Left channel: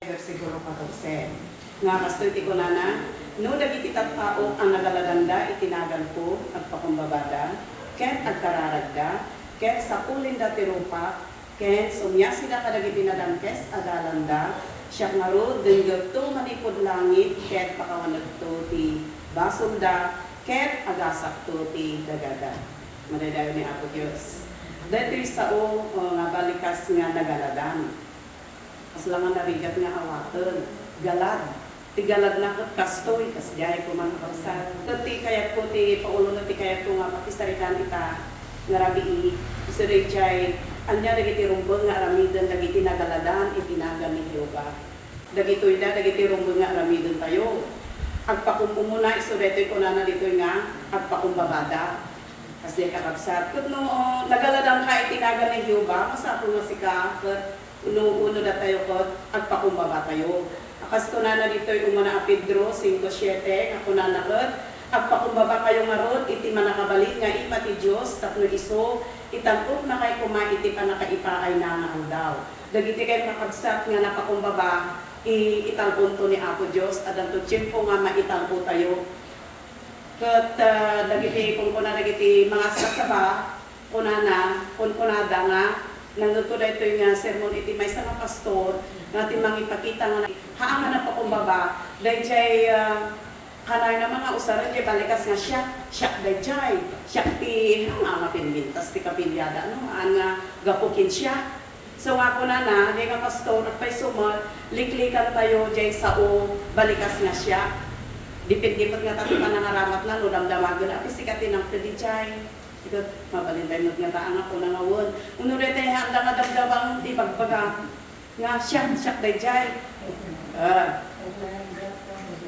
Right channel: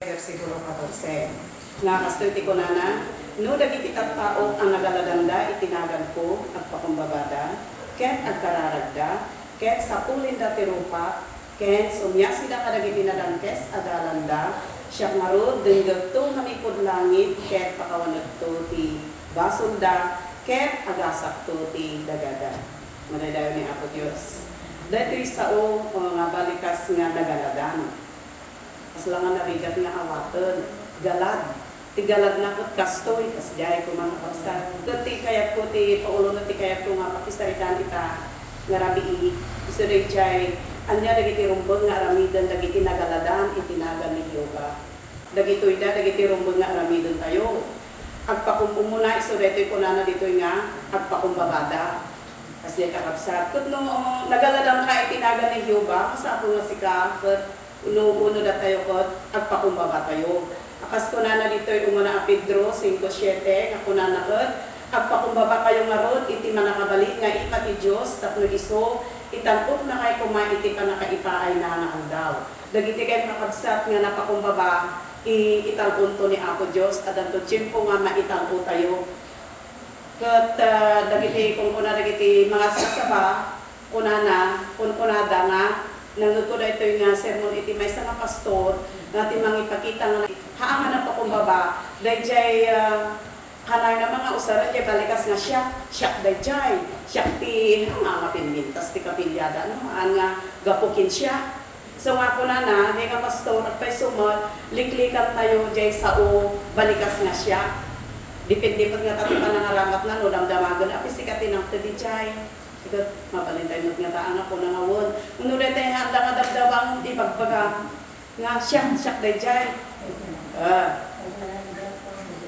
Siguro 14. Nga kastuti ko na, no dagititat tao ang nagalaganda itinagal ko at pakumbabada, ken agkararagda, ken sa pulin da tirupat, ken sumya sila kadagitinadangkes adalanda, siya ngaro denggerto manipod langit, ken pakawanagto ti basulda, ken agasakto ti dagaga. Manadayo ni Apo Diyos. Dito sao nga balikas nga nagaladan. As lang nga narigat nga awatan, galad. Ti galad na kot kastoy, kas jay ko mga kapsa. Ti kaya po ti paulo na ti kaya po nga pakisaritan ita nga rabi iso rin jay, anya dagiti rumbong nga aramidan dagiti nagaladan, itinagan ni Yoga. Dagito ida, dagiti rumbong nga aramidan tayo. Agpakumpo muna, iso reto'y ko na dito nga, agpakumbabada. Kasi kakabsat. Kut nung nagaladan ka itinagan ni Yoga, kasapo nga sika, uno na tayo ko, agpakumbaba tayo. Akas ko na dito'y umuna a Pedro 5:7, ako na nakot, agpakumbaba kayo nga rod, iti manakabalik nga ipa ti Diyos, tapno iso, itangkot na kay kuma iti panakaipaay na nakaldaw. Dagiti kayo kakabsat nga napakumbaba, itangkot to ni Apo Diyos, at ang tutsin po nga maitangkot tayo. Kat dagiti kung kuna dagiti mga sasaba, kunana, kunada nga, nangguto na ito yung sermon iti may sa mga pastor, natin mangipakita nga haangan na pa kumbaba, dahil jay kanay na mga usaran jay balikas nga siya dahil siya ti nga pinmintas ti kapilyada, ano nga gapukin siya. So nga po na di nga pastor, at pa'y sumal, liklikan tayo jay sao balikas nga siya. Depende pa nga tatuan na naramat na, no, damdamagan, at isikatin ang tadijay. Ito, mabalintay mo nga taan ako na ngawon. Uno rin tayo handa nga damdamang di pagpaga. Nga siya dajay.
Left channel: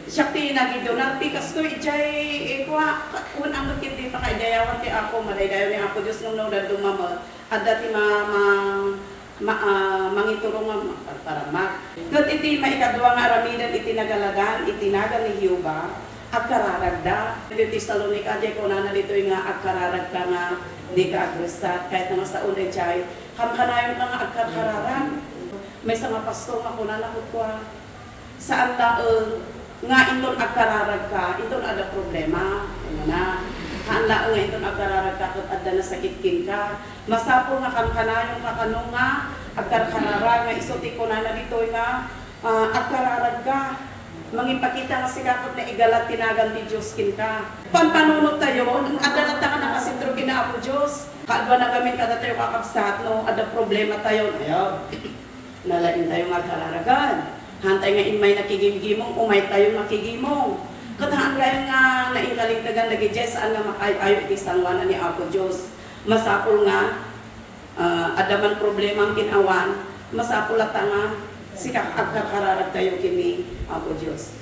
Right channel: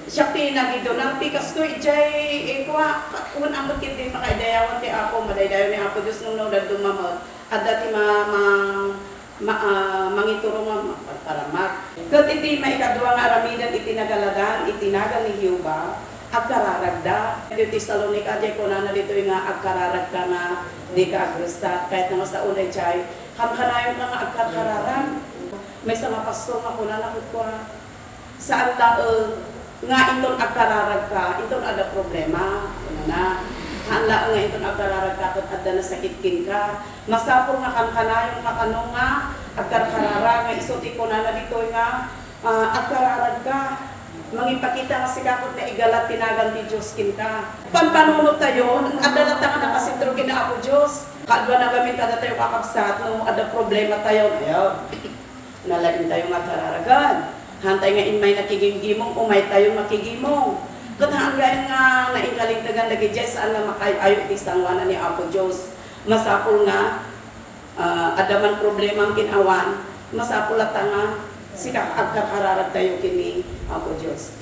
Siya pinagido ng pikas ko, ijay, kuha, unang bakit din pakaidayawan ti ako, madaydayawan ni Apo Diyos nung nodad dumamot. At dati mangiturong nga paramak. Kat iti maikadwa nga aramidan iti nagaladan, itinagan ni Yoga, agkararagda. Iti Salonika, jay ko na dito nga agkararagda nga di ka agresta, kahit naman sa unay jay, kamkanayon ka nga agkarararan. May sama pasto nga ko na nakutwa. Saan nga itong agkararag ka, itong ada problema. Ano na? Hala nga itong agkararag ka at ada na sakitkin ka. Masapo nga kamkanayon ka kano nga agkararag nga isuti ko na dito nga agkararag ka. Mangipakita nga sikakot na igalat tinagan ni Diyos kin ka. Pampanunod tayo, adalata ka na kasintro kina Apo Diyos. Kaadwa na gamit kada tayo kakabsat, no? Ada problema tayo. Ayaw, nalain tayo magkararagan. Hantay nga inmay nakigimgimong, umay tayo makigimong. Katahan nga yung naingalintagan lagi dyan, saan nga makayayo itisangwanan ni Apo Diyos. Masapul nga, adaman problema ang kinawan, masapul at nga, sikap agkakararag tayo kini Apo Diyos.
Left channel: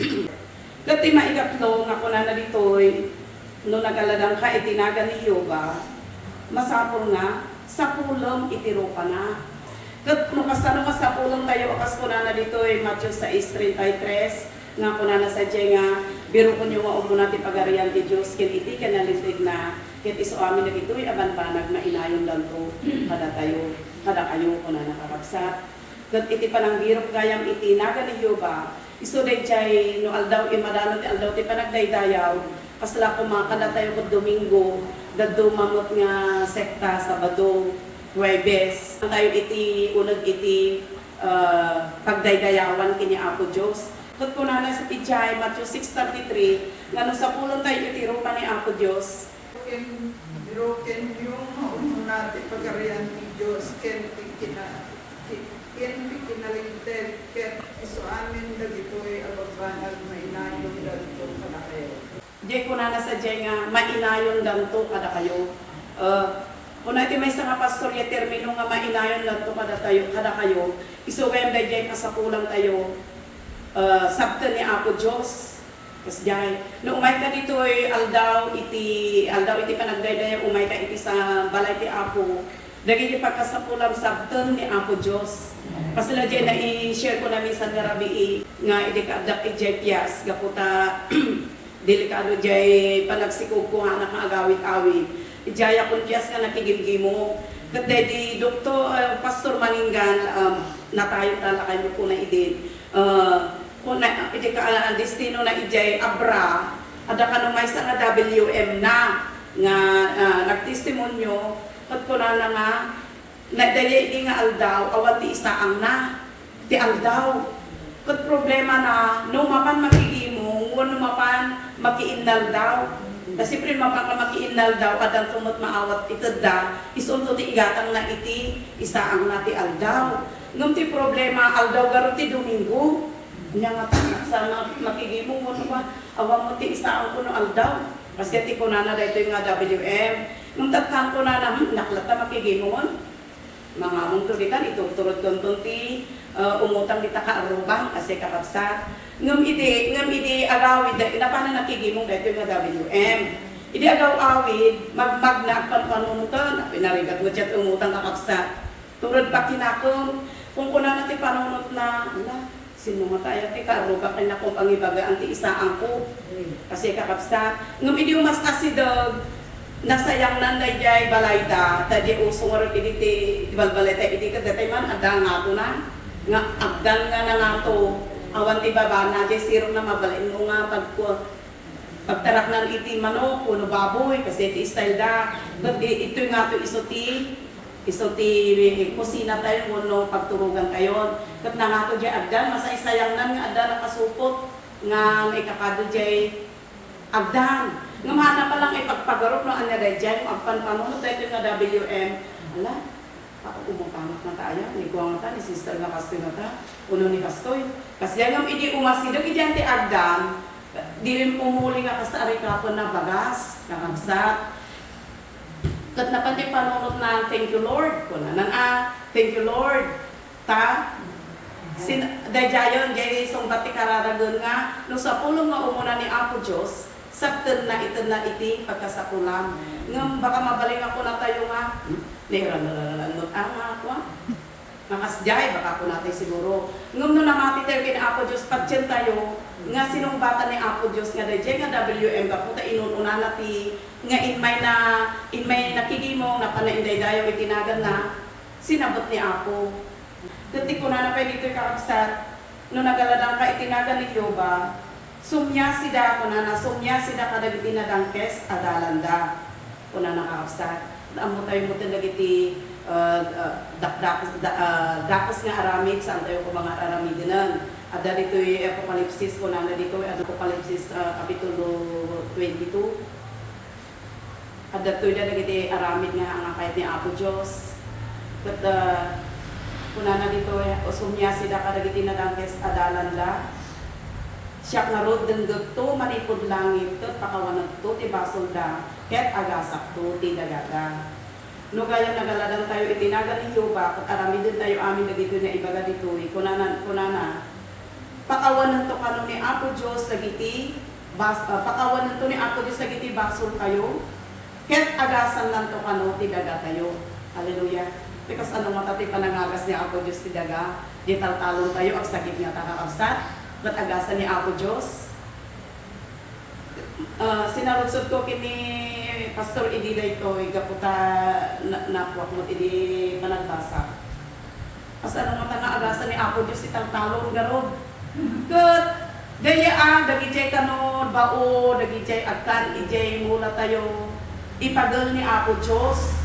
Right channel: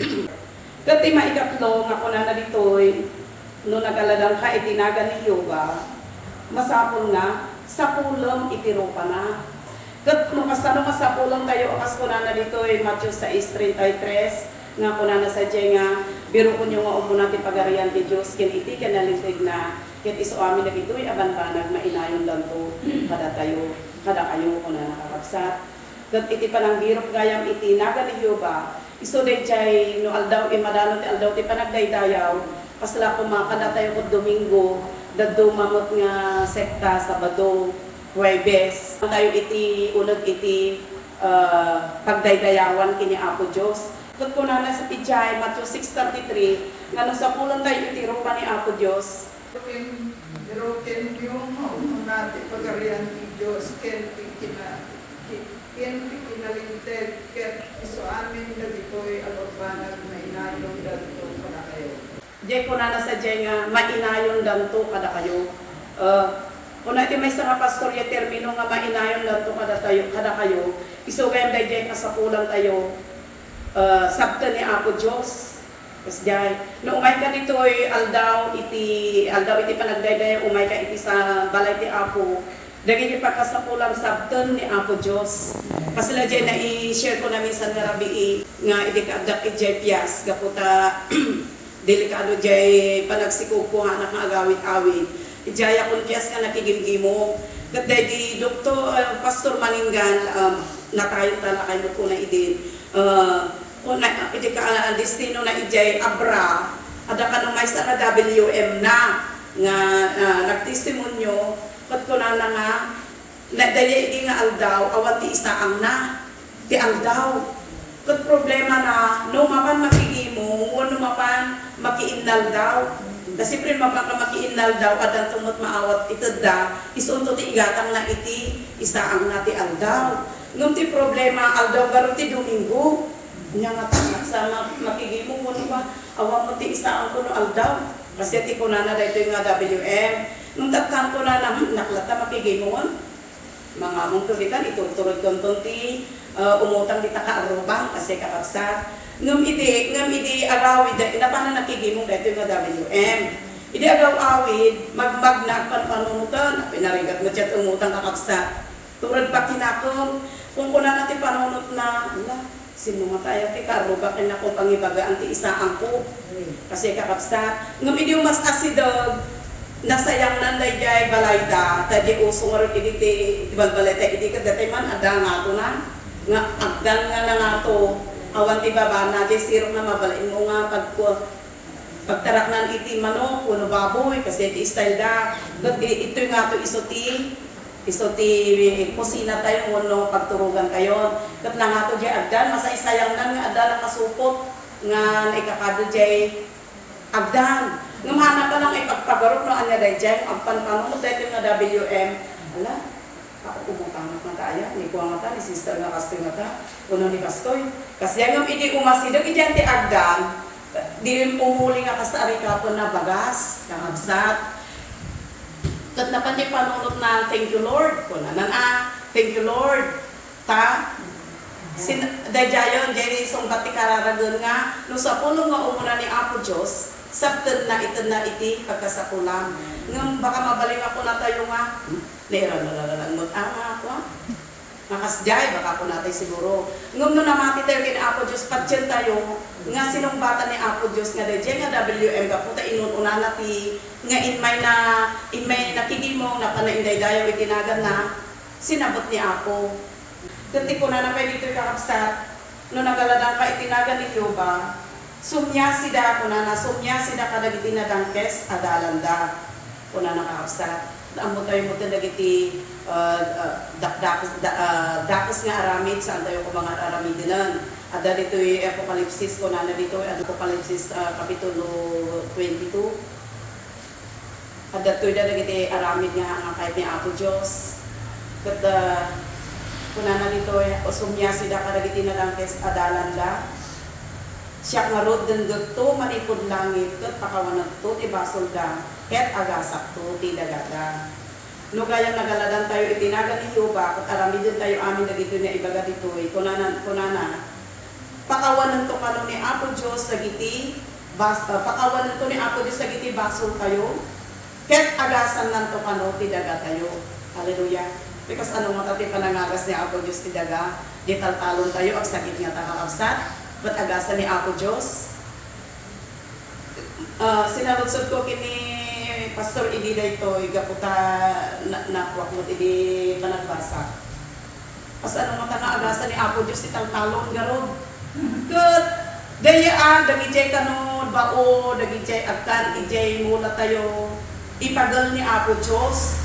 Kati maikatlo nga kuna na ditoy, no nagaladan ka itinagan ni Yoga, masapul nga, sa pulong itirupa na. Kat makasano ka sa pulong tayo, akas kuna na ditoy, Matthew 6:33, nga kuna na sa dyan nga, biro ko nyo nga umuna ti pagarian ti Diyos, kin iti kanalitig na, kit iso amin na ditoy, abanpanag, mainayon lang to, kada kayo kuna nakakagsat. Kat iti panang birok gayam iti naga ni Yoga, iso day jay no aldaw imadano ti aldaw ti panagdaydayaw, pasla kumakada tayo ko Domingo, daddo mamot nga sekta Sabado, Huwebes. Tayo iti unod iti pagdaydayawan kini Apo Diyos. Kat ko na sa pijay, Matthew 6:33, nga no sa pulong tayo iti rupa ni Apo Diyos. Ken yung mauna ti pagarian ni Diyos, ken pinalinted, ken iso amin na dito'y abagbanag mainayon dalito kada kayo. Diyan ko na sa diyan nga mainayon dalito kada kayo. Una iti may mga pastor ya termino nga mainayon dalito kada kayo. Iso gayam diyan nga sa pulang tayo. Sabta ni Apo Diyos. Yes, jay. No umay ka dito'y aldaw iti panagdayday, umay ka iti sa balay ti Apo. Dagiti pagkasapulang sabten ni Apo Diyos. Kasi na dyan, na-i-share ko na minsan nga rabi nga idikadak i-jetias, gaputa delikado dyan, panagsikog ko nga nakagawit-awit. Ijaya kung kiyas nga nakigimgimo. Kat di doktor, pastor Maninggan, na tayo talakay mo po na idin. kung na, iti ka ang destino na ijay abra, ada ka nung may sa nga WM na, nga nagtestimonyo, pat ko na nga, na daya hindi nga aldaw, awan ti isa ang na, ti aldaw. Pat problema na, no mapan makikimo, no mapan makiinnal daw. Kasi pre makiinnal daw, adang tumot maawat itad da, isunto ti igatang na iti, isa ang na ti aldaw. Ngam ti problema, aldaw garo ti Domingo. Nya nga sa makikimo, no ba, awan mo ti isa ang kuno aldaw. Kasi ti kunana da ito nga WM. Nung tatang kunana, naklata makikimon. Mga mong tulitan, iturturod konton ti umutang di taka-arubang kasi kapagsa. Ngam iti agawid, napana nakikimong da ito nga WM. Iti agaw-awid, magmagna panpanunutan, pinarigat mo dyan umutang kakaksa. Turod pa kinakong, kung kunana ti panunot na, sino nga kaya ti karubak na kung pangibaga ang ti isaan ko. Kasi kakapsa. Ngam iti umas asidog, nasayang nanday jay balayda, tadi usong rin iti balbaleta, iti kadatay man, ada nga to na. Nga agdan nga na nga to, awan ti baba na, jay sirong na mabalain mo nga pagtarak ng iti manok, kuno baboy, kasi iti style da. Ito nga to iso ti kusina tayo, kuno pagturugan tayo. Kat na nga to jay agdan, masay-sayang nan nga agdan ang kasupot, nga ikakado jay agdan. Ngumana pa lang ipagpagarot no anya day jay, agpanpano mo tayo nga WM. Ala, ako umutang na kaya, ni ko nga ta, ni sister nga kastoy nga ta, kuno ni kastoy. Kasi yung idi umasidag, idyan ti agdan, di rin pumuli nga kasari kapon na bagas, nangagsat. Kat napan di panunot na, thank you Lord, kunanan thank you Lord, ta, dajayon, jay isong bati kararagon nga, nung sa pulong nga umuna ni Apo Diyos, sabten na iti pagkasapulam. Ngam baka mabaling ako na tayo nga, niralalang ako nakasjay, baka ako natay siguro. Ngam no namati tayo kina Apo Diyos, patyan tayo, nga sinong bata ni Apo Diyos, nga dajay nga WM, kaputa inununa nati, nga inmay nakigimong, napanainday dayo, itinagan na, sinabot ni Apo. Kasi ko na pwede dito kakapsat, no nagaladang ka itinagan ni Yoba, sumya sida sumya kada giti na dangkes adalanda kuna nakakapsa amo tayo mo dagiti dakos nga aramid saan tayo ko mga aramidinan ada dito yung Apokalipsis kuna na dito Apokalipsis kapitulo 22 ada to dagiti aramid nga ang kahit ni Apo Dios ket kuna na dito sumya sida kada giti na dangkes adalanda siya nga rod din to manipod langit ket pakawanag to ti basol da ket agasak to ti dagaga. No kaya nagaladan tayo itinagan ni Yoba ket aramidin tayo amin dagito nga ibaga ditoy kunana pakawanan to kano ni Apo Dios sagiti pakawanan to ni Apo Dios sagiti basol tayo ket agasan nan to kano ti daga tayo. Hallelujah. Because ano mo tati panangagas ni Apo Dios ti daga di taltalon tayo ag sagit nga takakabsat. Ba't agasan ni Apo Diyos? Sinarudsod ko kini Pastor Idi dayto igaputa nakuwak mo idi panagbasa. As ano mata nga agasan ni Apo Diyos itang talon garod. Good. Daya dagijay kanon bao dagijay agkan ijay mula tayo ipagal ni Apo Diyos.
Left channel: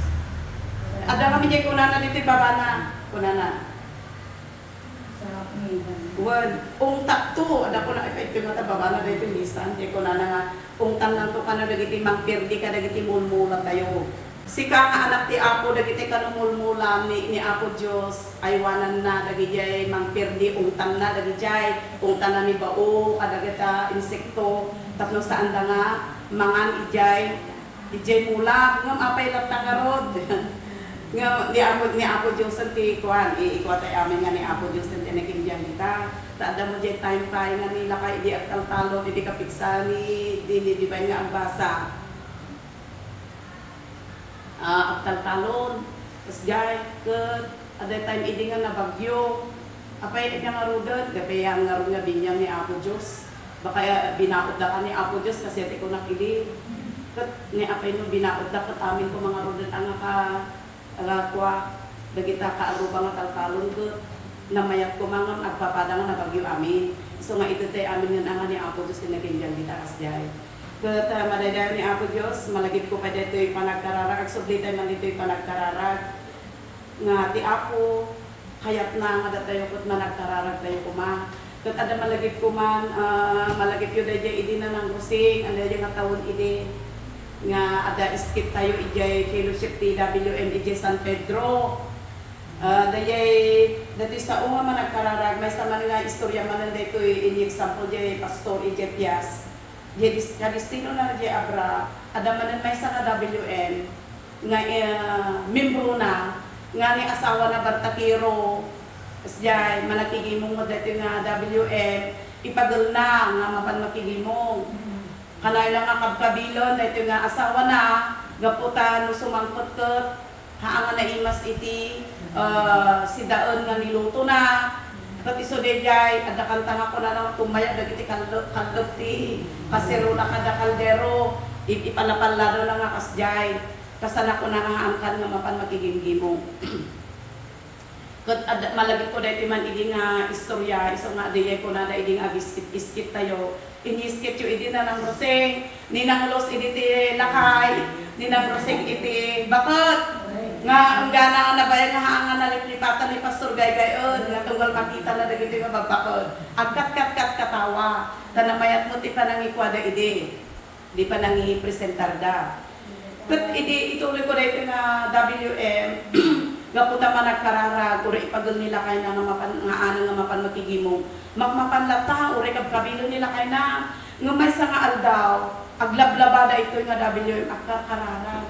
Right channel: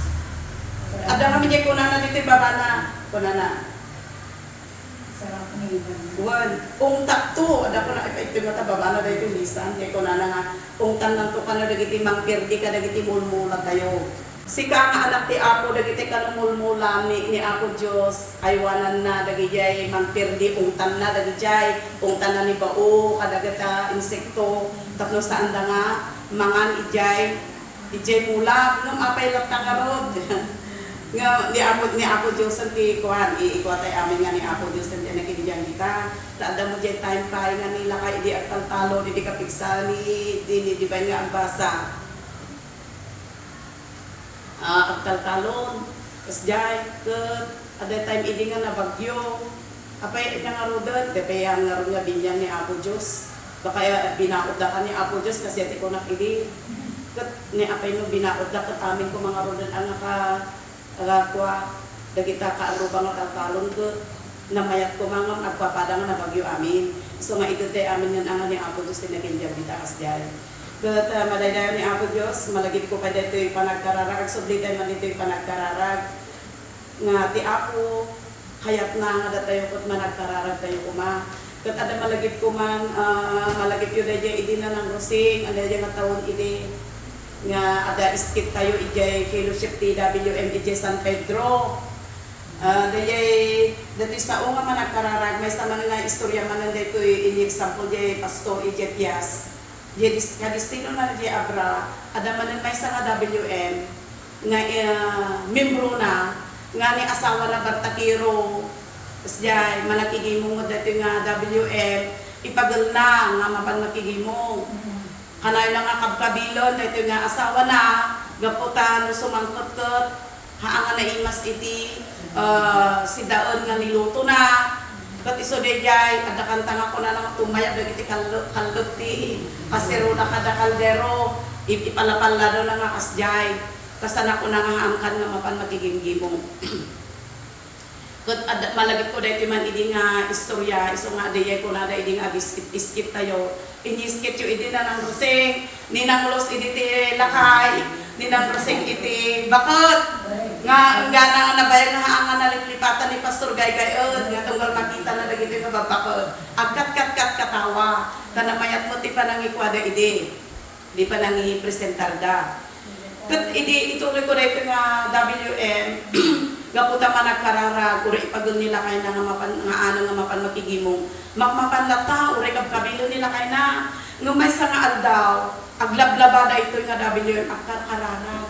Ada kami jay kunana dito babana kunana. Ungtak to, ada ko na ito mata babana da ito lisan, di ko na nga ungtang nanto ka na dagiti mangpirdi ka dagiti mulmula tayo. Sika nga anak ti Apo dagiti kanong mulmula ni Apo Dios aywanan na dagijay mangpirdi ungtan na dagijay ungtan na ni bao kadagata insekto tapno saan da nga mangan ijay mula ngam apay latta karod. Nga ni Apo Dios ti kuan iikuatay amin nga ni Apo Dios ti nakidiyan kita taada mo jay time pay nga nila kay di agtaltalo di kapiksa ni di ba nga ang basa agtaltalon tas jay ket ada time idi nga nabagyo apay nga rodod depay ang nga nga binyang ni Apo Dios baka binaod da ka ni Apo Dios kasi ati ko nakidi ket ni apay mo binaod da ket amin ko mga rodod ang ka agakwa dagita kaarubang nga taltalon ket na mayat ko mga agpapadang na bagyo amin. So nga ito tayo amin nga nga ni Apo Diyos tinakinjang bitakas dyan. Kat madaydayan ni Apo Diyos, malagit ko pa dito yung panagkararag, ag subli tayo man dito yung panagkararag. Nga ti Apo, kayat na nga datayo ko't managkararag tayo kuma. Kat ada malagit ko man, malagit yun dahil idi na ng rosing, ada dyan nga taon idi. Nga ada iskit tayo ijay fellowship TWM ijay San Pedro. Dati sa unga man nagkararag, may sa man nga istorya man dito in example jay pastor ijay Pias. Jay kadistino na jay Abra, ada man may sa nga WM nga membro na nga ni asawa na Bantakiro. Tapos jay malakigimong mo dito nga WM, ipagal na nga mapan makigimong. Kanay lang nga kabkabilon dito nga asawa na gaputan sumangkot-kot haanga na imas iti si daon nga niluto na kat iso dejay ada kantanga ko na nang tumaya dagiti kaldog ti kasero na kada kaldero ipalapalla daw na nga kasjay kasana ko na nga haangkan nga mapan magiging gimong. Kat malagit ko dahil man idi nga istorya, iso nga dayay ko na idi nga biskit tayo. Iniskit yung idi na ng roseng, ninang los idi ti lakay, ninang roseng iti bakot. Nga ang gana nga nabayag nga haangan na liplipatan ni Pastor Gaygayon, nga tunggal makita na dagiti nga babakot. Agkat katawa, tanamayat mo ti panangikwada idi, di panangipresentar da. Kat idi ituloy ko dahil nga WM, gaputa man nagkararag, uri ipagul nila kay na nga mapan makigimong. Makmapanlata, uri kabilo nila kay na. Ngumay sa nga aldaw, aglablabada ito nga WM, agkararag.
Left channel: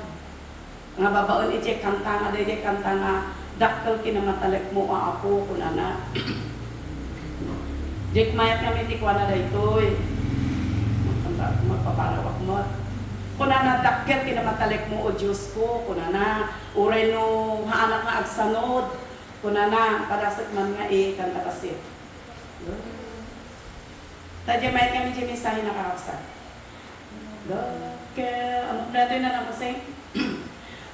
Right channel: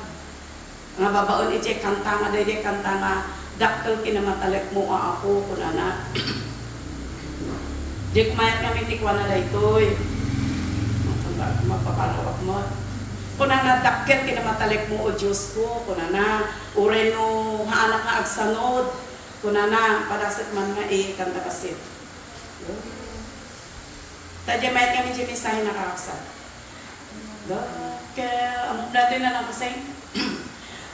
Nga babaon iti kanta nga, dahil kanta nga, dakkel kinamatalik mo ako, kunana. Di kumayat kami tikwa na dahito magpapalawak mo. Kunana dakkel kinamatalik mo o Diyos ko, kunana uray no haanak nga agsanod, kunana padasat man nga kanta kasit. Tadya mayat kami dyan isahin nakakasap. Dakkel, amok natin na lang kasing.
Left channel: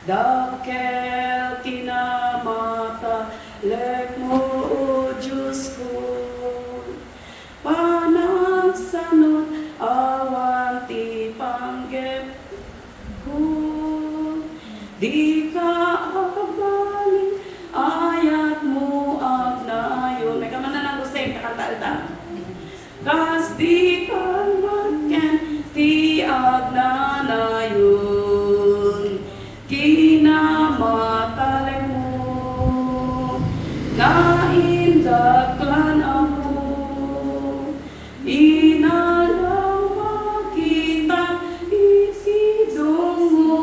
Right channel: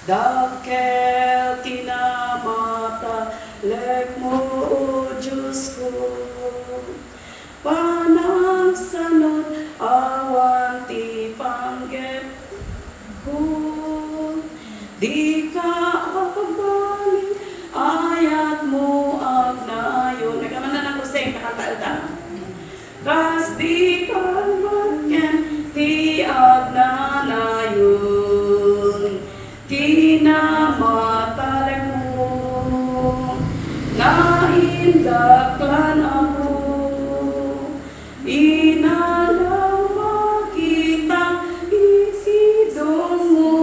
Dakkel kinamatalik mo o Diyos ko, panang sanod awan ti panggep ko, di ka akabaling ayat mo at nayon. Nagkaman na ng kuseng, nakakaalta. Kas di ka magken ti at nanayon, kinamatalik mo, naindaklan ako, inalaw makita isidong mo,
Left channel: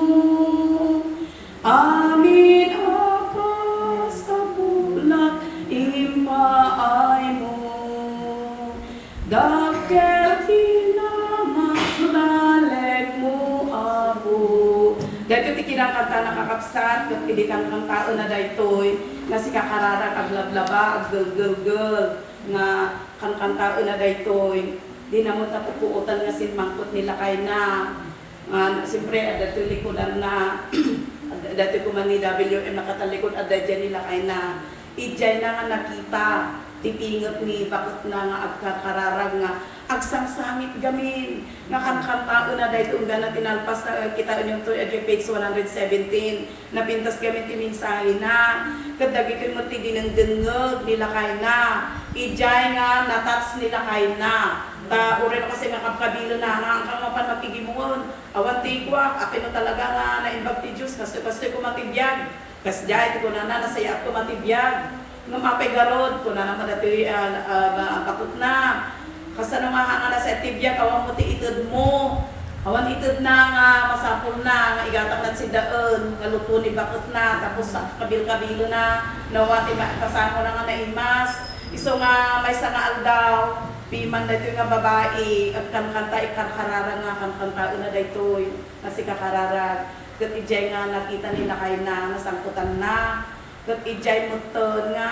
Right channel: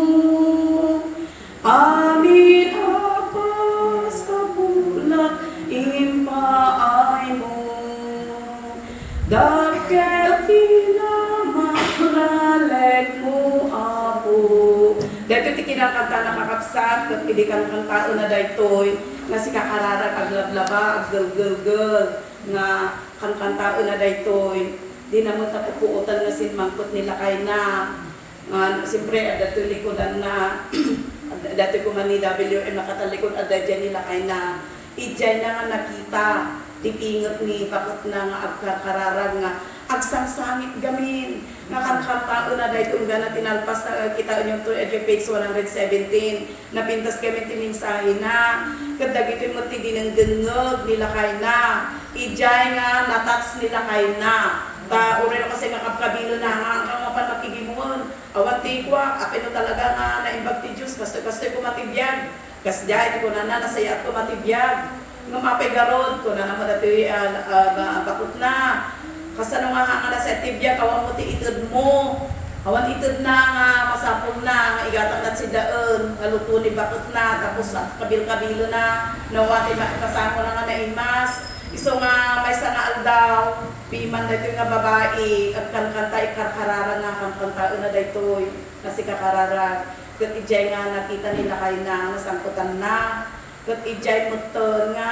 amin apa sa bulat impaay mo, dakkel kinamatalik mo ako. Dahil iti kinakanta nakakapsat, at pidikan kong tao na daytoy, nga si kakararag aglablaba, aggel-gel-gel, nga kankantao na daytoy, di naman tapupuutan nga sinmangkot nila kay na, siyempre adato likodan na, dati ko man ni WM nakatalikod adadya nila kay na, ijay na nga nakita, tipingot ni bakot na nga agkakararag nga, agsangsangit gamin, nga kankantao na dahil kung gana tinalpas na kita yung to page 117, napintas kami timinsahin na, kadagit yung mati dinengdengeg nila kay na, ijay nga natats nila kay na, uri na kasi makapkabilo na nga, ang mapan makigimon, awan tikwa, apino talaga nga naimbag ti Diyos, kastoy ko matibiyag, kasjay ko na nasaya ko matibiyag, nga mapigarod ko na naman dati bakot na, kasano nga nga na sa tibiyag, awan mo ti itod mo, awan itod na nga masapol na, nga igatang na si daon, nga luto ni bakot na, tapos kabil-kabilo na, nawati kasama na nga naimas, iso nga may sa nga aldaw, piman na ito nga babae, at kankanta ikarkarara nga, kankanta na daytoy, kasi kakarara, kat ijay nga nakita nila kayo na, nasangkutan na, kat ijay motor nga,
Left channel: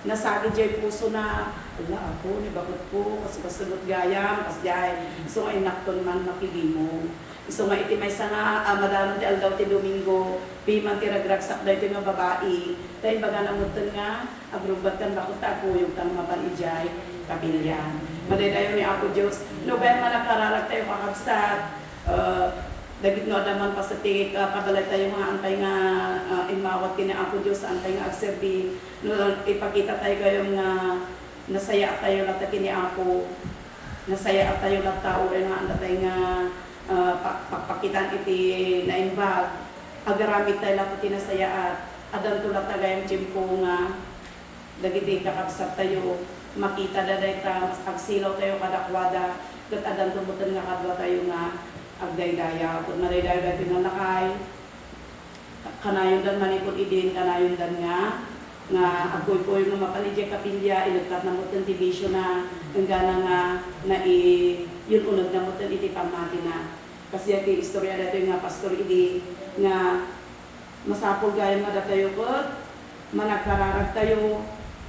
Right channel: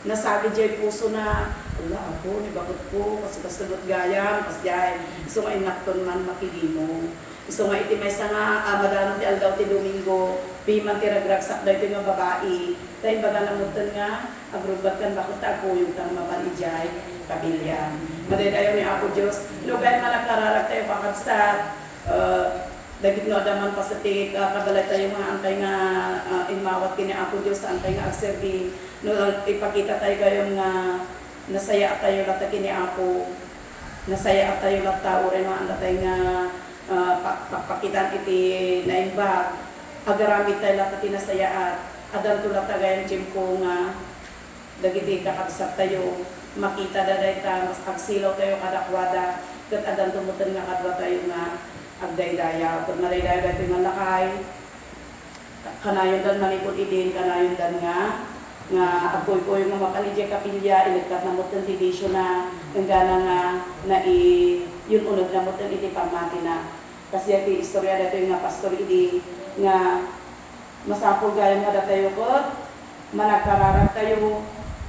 nasagi jay puso na, ala ako, ni bakot ko, kasi kasunod gayam, kasi jay, so ay nakton man makigimo. So nga iti may nga madano ti aldaw ti Domingo, piman ti ragragsak daw iti nga babae. Dahil baga namutan nga, agrugbat kan bakot ako yung tang mapanijay, kabilya. Madadayo ni Apo Diyos, no kahit na nakararag tayo pakagsat, dagit no adaman pa sa tingit, kabalay tayo mga antay nga imawat kini Apo Diyos, antay nga agserbi, no ipakita tayo kayong nasaya tayo lata kini Apo, nasaya tayo lata uray nga antay nga pakitan iti naimbag, agaramit tayo lata tinasaya at adan tulad tagayang tiyempo nga dagiti kakabsat tayo, makita daday ta, agsilaw tayo kadakwada, kat adan tumutan nga kadwa tayo nga agdaydaya, kung madaydaya tayo nga nakay, kanayon dan manipod idin, kanayon dan nga apoy ko yung mga panidya kapilya, inagkat na mutan ti bisyo na gana na yun unag na mutan iti pamati na. Kasi iti istorya dito yung nga pastor idi nga masapul gaya nga datayo ko, managkararag tayo,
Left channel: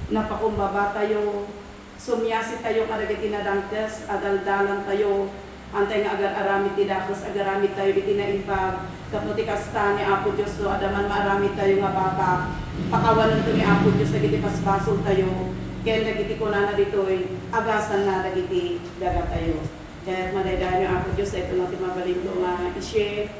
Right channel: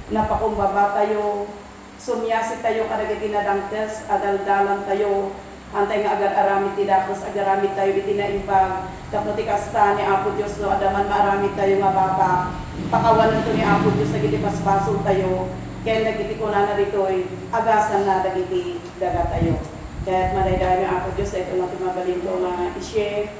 napakumbaba tayo, sumyasi tayo kadagiti na dangtes, adaldalan tayo, antay nga agar-aramit ti dakos, agaramit tayo iti na impag, tapos ti kasta ni Apo Diyos, no, adaman maaramit tayo nga baba, pakawan nito ni Apo Diyos, nagiti paspaso tayo, kaya nagiti ko na dito'y agasan na nagiti daga tayo. Kaya madaydayan ni Apo Diyos, ito natin mabalin ko nga i-share,